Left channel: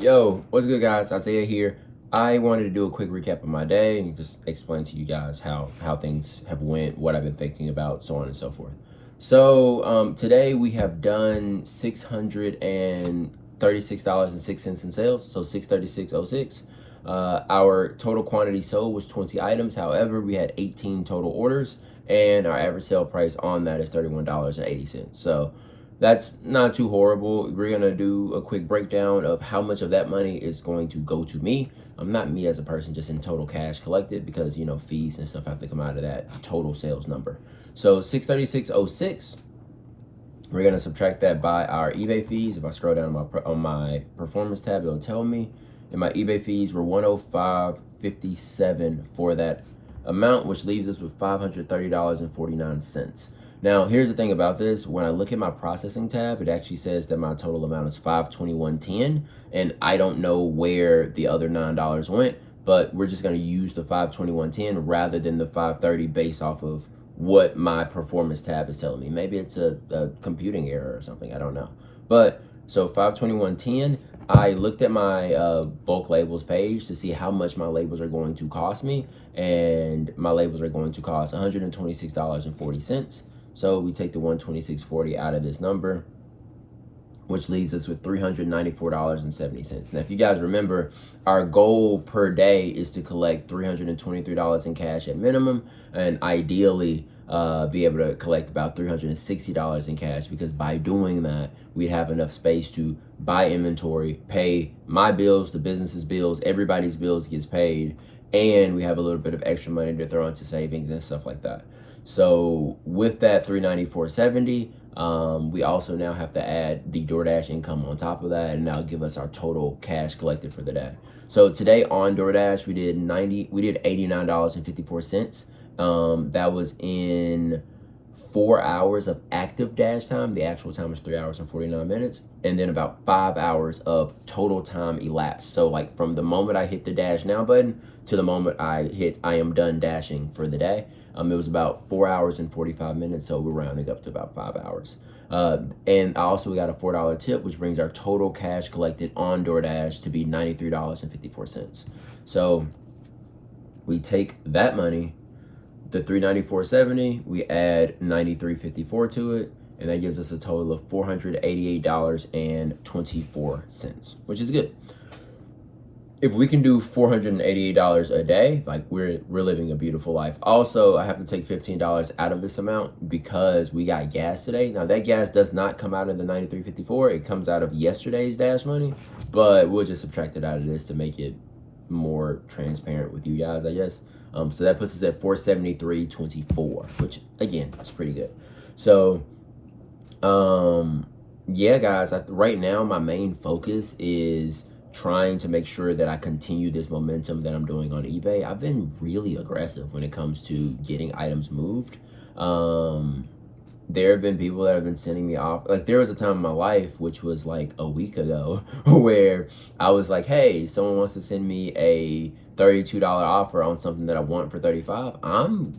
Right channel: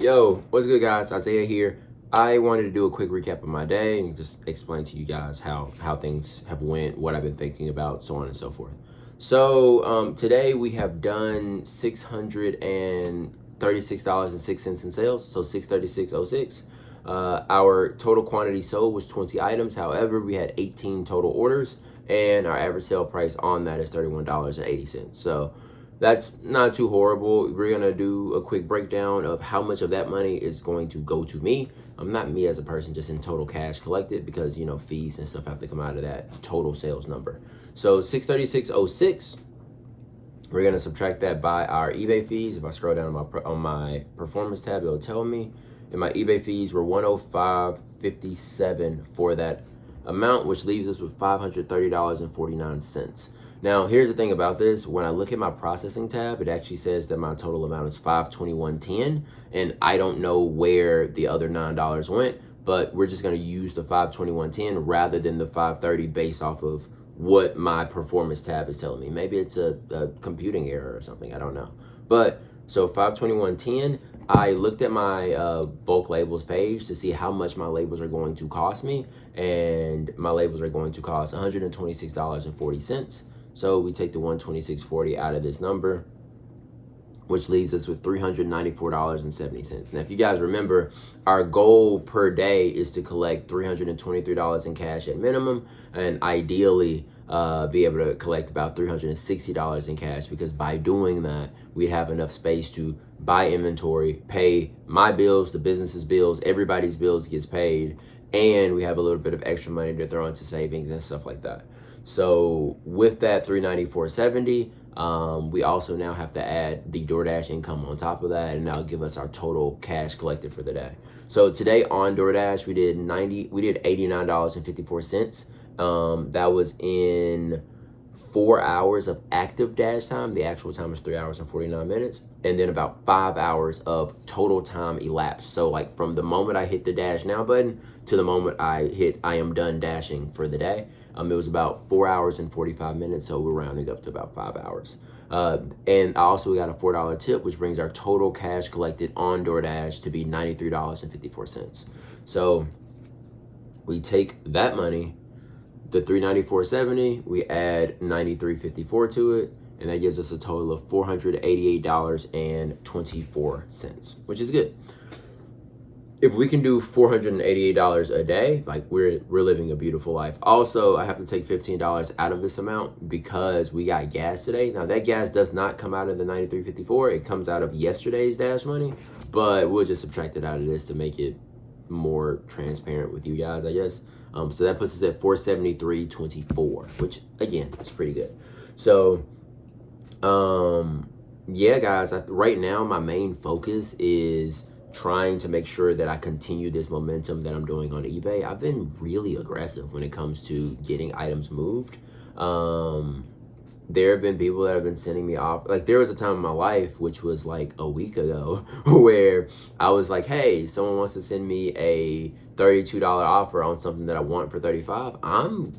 Yo, what's good, guys? Isaiah here. I wanted to do a quick recap of my day and just explain to you guys how things have went, what I've been thinking about, so on and so forth. So today we have done $636.06 in sales, so 636.06. Our total quantity sold was 20 items. However, we had 18 total orders, and our average sale price on that is $31.80. So that's not too horrible. We're gonna do a quick breakdown of how much of that money is going to go to me. Not me as a person, just in total cash collected, because fees and stuff have to come out of that total sales number. So 636.06. We're gonna subtract that by our eBay fees. If I scroll down on my performance tab, it'll tell me. And my eBay fees were $105.57 for that amount, which leaves us with $530.49. Now, here's the thing about this. When I look at my processing tab, it actually says that my total amount is $521.10, and I don't know where the other $9 went, but we're just gonna use the $521.10 rather than the $530 based off of what my performance tab is telling me. Maybe it's a computing error or something, I don't know. But so 521.10, I looked at my bulk labels page to see how much my labels are going to cost me, and my labels are going to cost $126.40. So we take the $126.40 out of this number, which leaves us with $394.70. Now, if you guys remember, our goal per day is to collect $323 in cash at minimum, and ideally be able to collect about $360 in cash, because by doing that, we'd have enough space to buy inventory, pay my bills, the business's bills, everybody's bills gets paid, and we have a little bit of extra money to throw into savings and stuff like that. So with that $394.70, we also now have to add the DoorDash income on top of that, and that'll give us our total cash collected for the day. So today on DoorDash, we did $89.54. That was in 4 hours of active dash time. The actual time is 3 hours and 49 minutes. And then about 5 hours of total time elapsed. So like from the moment I hit the dash now button to the moment I hit I am done dashing for the day, it was about 4 hours and 45 minutes. So we're rounding up to about 5 hours. And I also got a $4 tip, which brings our total cash collected on DoorDash to be $93.54. So we take that money, the $394.70, we add $93.54 to it, and that gives us a total of $488.24, which is good. If we can do $488 a day, like we're living a beautiful life. Also, I have to take $15 out of this amount because we got gas today. Now that gas does not come out of the $93.54. It comes out of yesterday's dash money, but we'll just subtract it out of this to make it more transparent with you guys, I guess. So that puts us at $473.24, which again is pretty good. So yeah, guys, right now my main focus is trying to make sure that I continue this momentum that I'm doing on eBay. I've been really aggressive when it comes to getting items moved. There have been people that have been sending me off. Like there was a time in my life, which was like a week ago, where I was like, hey, someone wants to send me a $32 offer on something that I want for $35. I'm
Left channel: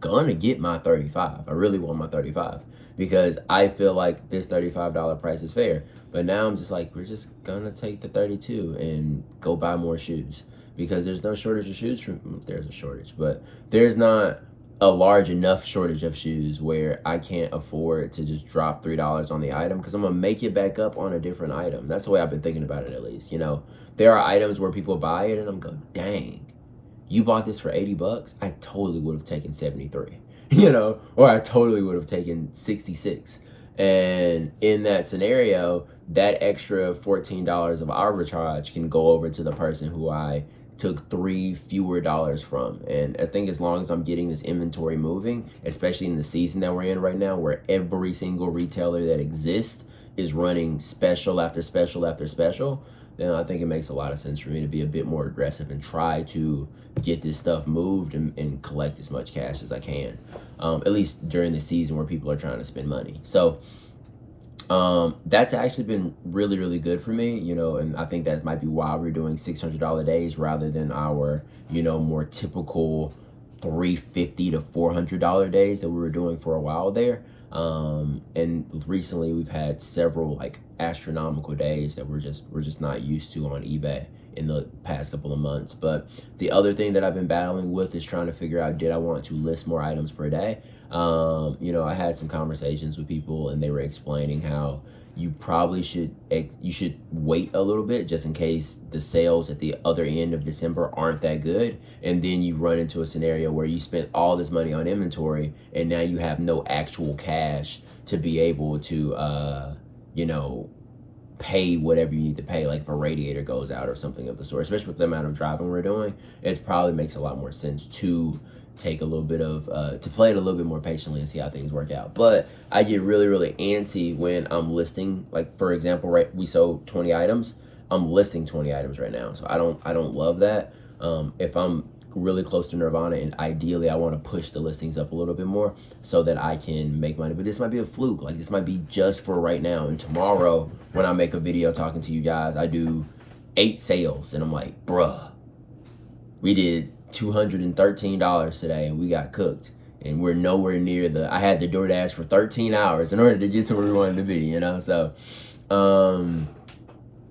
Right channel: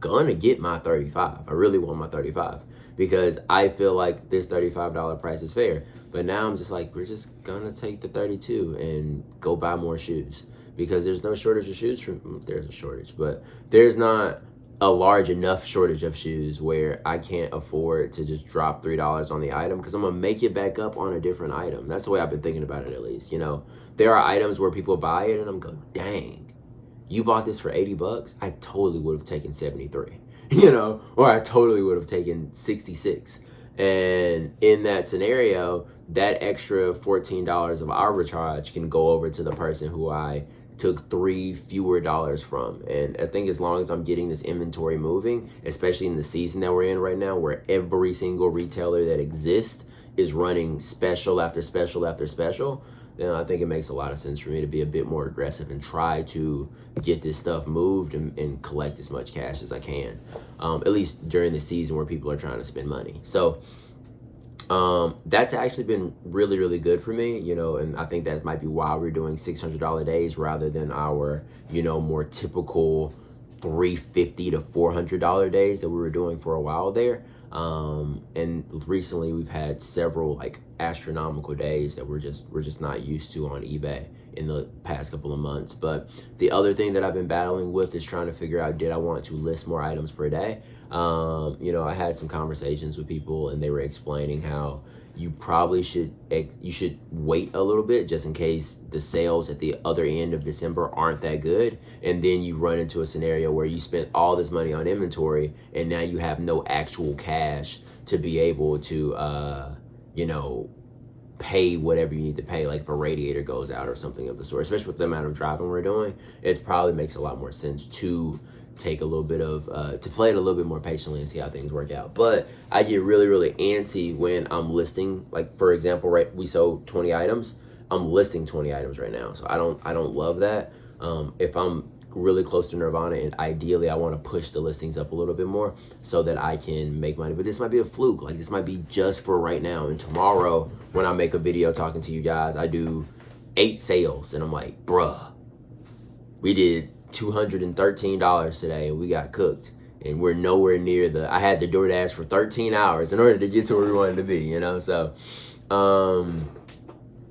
gonna get my $35. I really want my $35 because I feel like this $35 price is fair. But now I'm just like, we're just gonna take the 32 and go buy more shoes, because there's no shortage of shoes. There's a shortage, but there's not a large enough shortage of shoes where I can't afford to just drop $3 on the item, because I'm gonna make it back up on a different item. That's the way I've been thinking about it, at least. There are items where people buy it and I'm going, dang, you bought this for $80. I totally would have taken 73, or I totally would have taken 66. And in that scenario, that extra $14 of arbitrage can go over to the person who I took $3 fewer from. And I think as long as I'm getting this inventory moving, especially in the season that we're in right now, where every single retailer that exists is running special after special after special, then I think it makes a lot of sense for me to be a bit more aggressive and try to get this stuff moved and collect as much cash as I can, at least during the season where people are trying to spend money. So that's actually been really, really good for me, and I think that might be why we're doing $600 days rather than our, more typical $350 to $400 days that we were doing for a while there. And recently we've had several like astronomical days that we're just not used to on eBay in the past couple of months. But the other thing that I've been battling with is trying to figure out, did I want to list more items per day? I had some conversations with people and they were explaining how you probably should wait a little bit just in case the sales at the other end of December aren't that good, and then you run into a scenario where you spent all this money on inventory and now you have no actual cash to be able to pay whatever you need to pay, like if a radiator goes out or something of the sort. Especially with the amount of driving we're doing, it probably makes a lot more sense to take a little bit of to play it a little bit more patiently and see how things work out. But I get really antsy when I'm listing, like for example, right, we sold 20 items. I'm listing 20 items right now, so I don't love that. If I'm really close to Nirvana, and ideally I want to push the listings up a little bit more so that I can make money. But this might be a fluke, like this might be just for right now, and tomorrow when I make a video talking to you guys, I do 8 sales and I'm like, bruh, we did $213 today and we got cooked, and we're nowhere near I had to DoorDash for 13 hours in order to get to where we wanted to be, so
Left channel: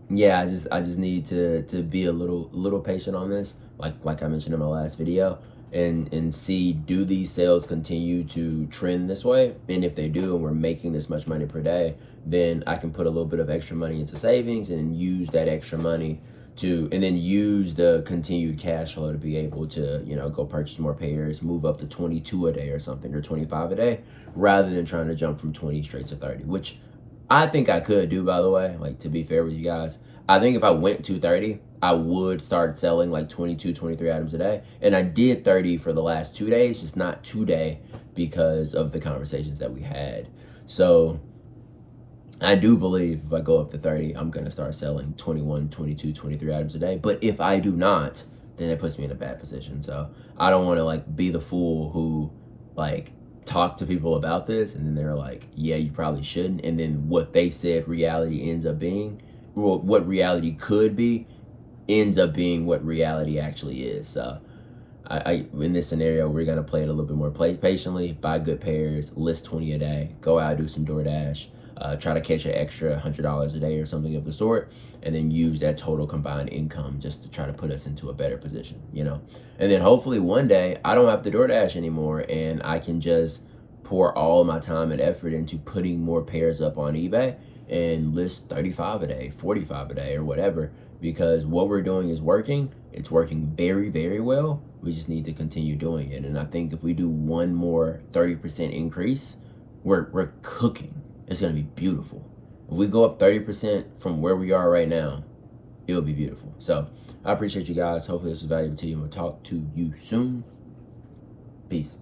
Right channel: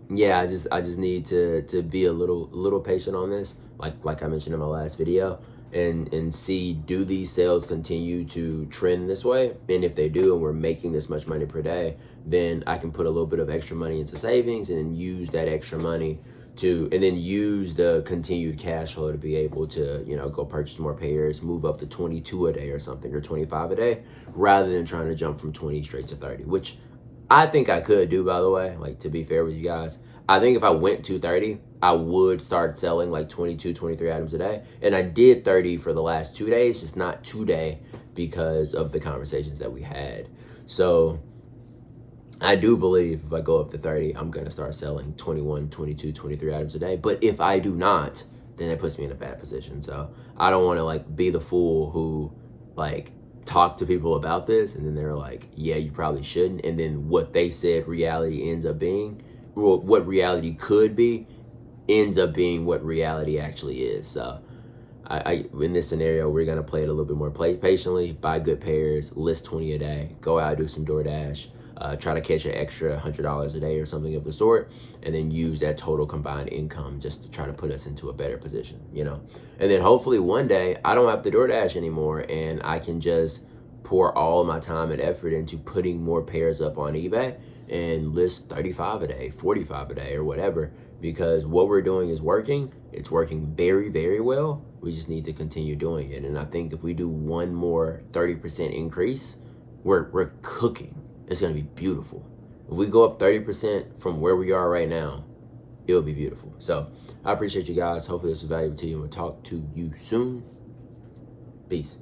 yeah, I just need to be a little patient on this, like I mentioned in my last video, and see, do these sales continue to trend this way? And if they do, and we're making this much money per day, then I can put a little bit of extra money into savings and use that extra money and then use the continued cash flow to be able to, go purchase more pairs, move up to 22 a day or something, or 25 a day, rather than trying to jump from 20 straight to 30, which I think I could do, by the way. Like, to be fair with you guys, I think if I went to 30, I would start selling like 22, 23 items a day. And I did 30 for the last 2 days, just not today because of the conversations that we had. So I do believe if I go up to 30, I'm going to start selling 21, 22, 23 items a day. But if I do not, then that puts me in a bad position. So I don't want to like be the fool who like talk to people about this and then they're like, yeah, you probably shouldn't. And then what they said reality ends up being, or what reality could be, ends up being what reality actually is. So I in this scenario, we're going to play it a little bit more patiently, buy good pairs, list 20 a day, go out, do some DoorDash, try to catch an extra $100 a day or something of the sort, and then use that total combined income just to try to put us into a better position, And then hopefully one day I don't have to DoorDash anymore and I can just pour all of my time and effort into putting more pairs up on eBay and list 35 a day, 45 a day, or whatever, because what we're doing is working. It's working very well. We just need to continue doing it. And I think if we do one more 30% increase, we're cooking. It's going to be beautiful. If we go up 30% from where we are right now, it'll be beautiful. So I appreciate you guys. Hopefully this was valuable to you, and we'll talk to you soon. Peace.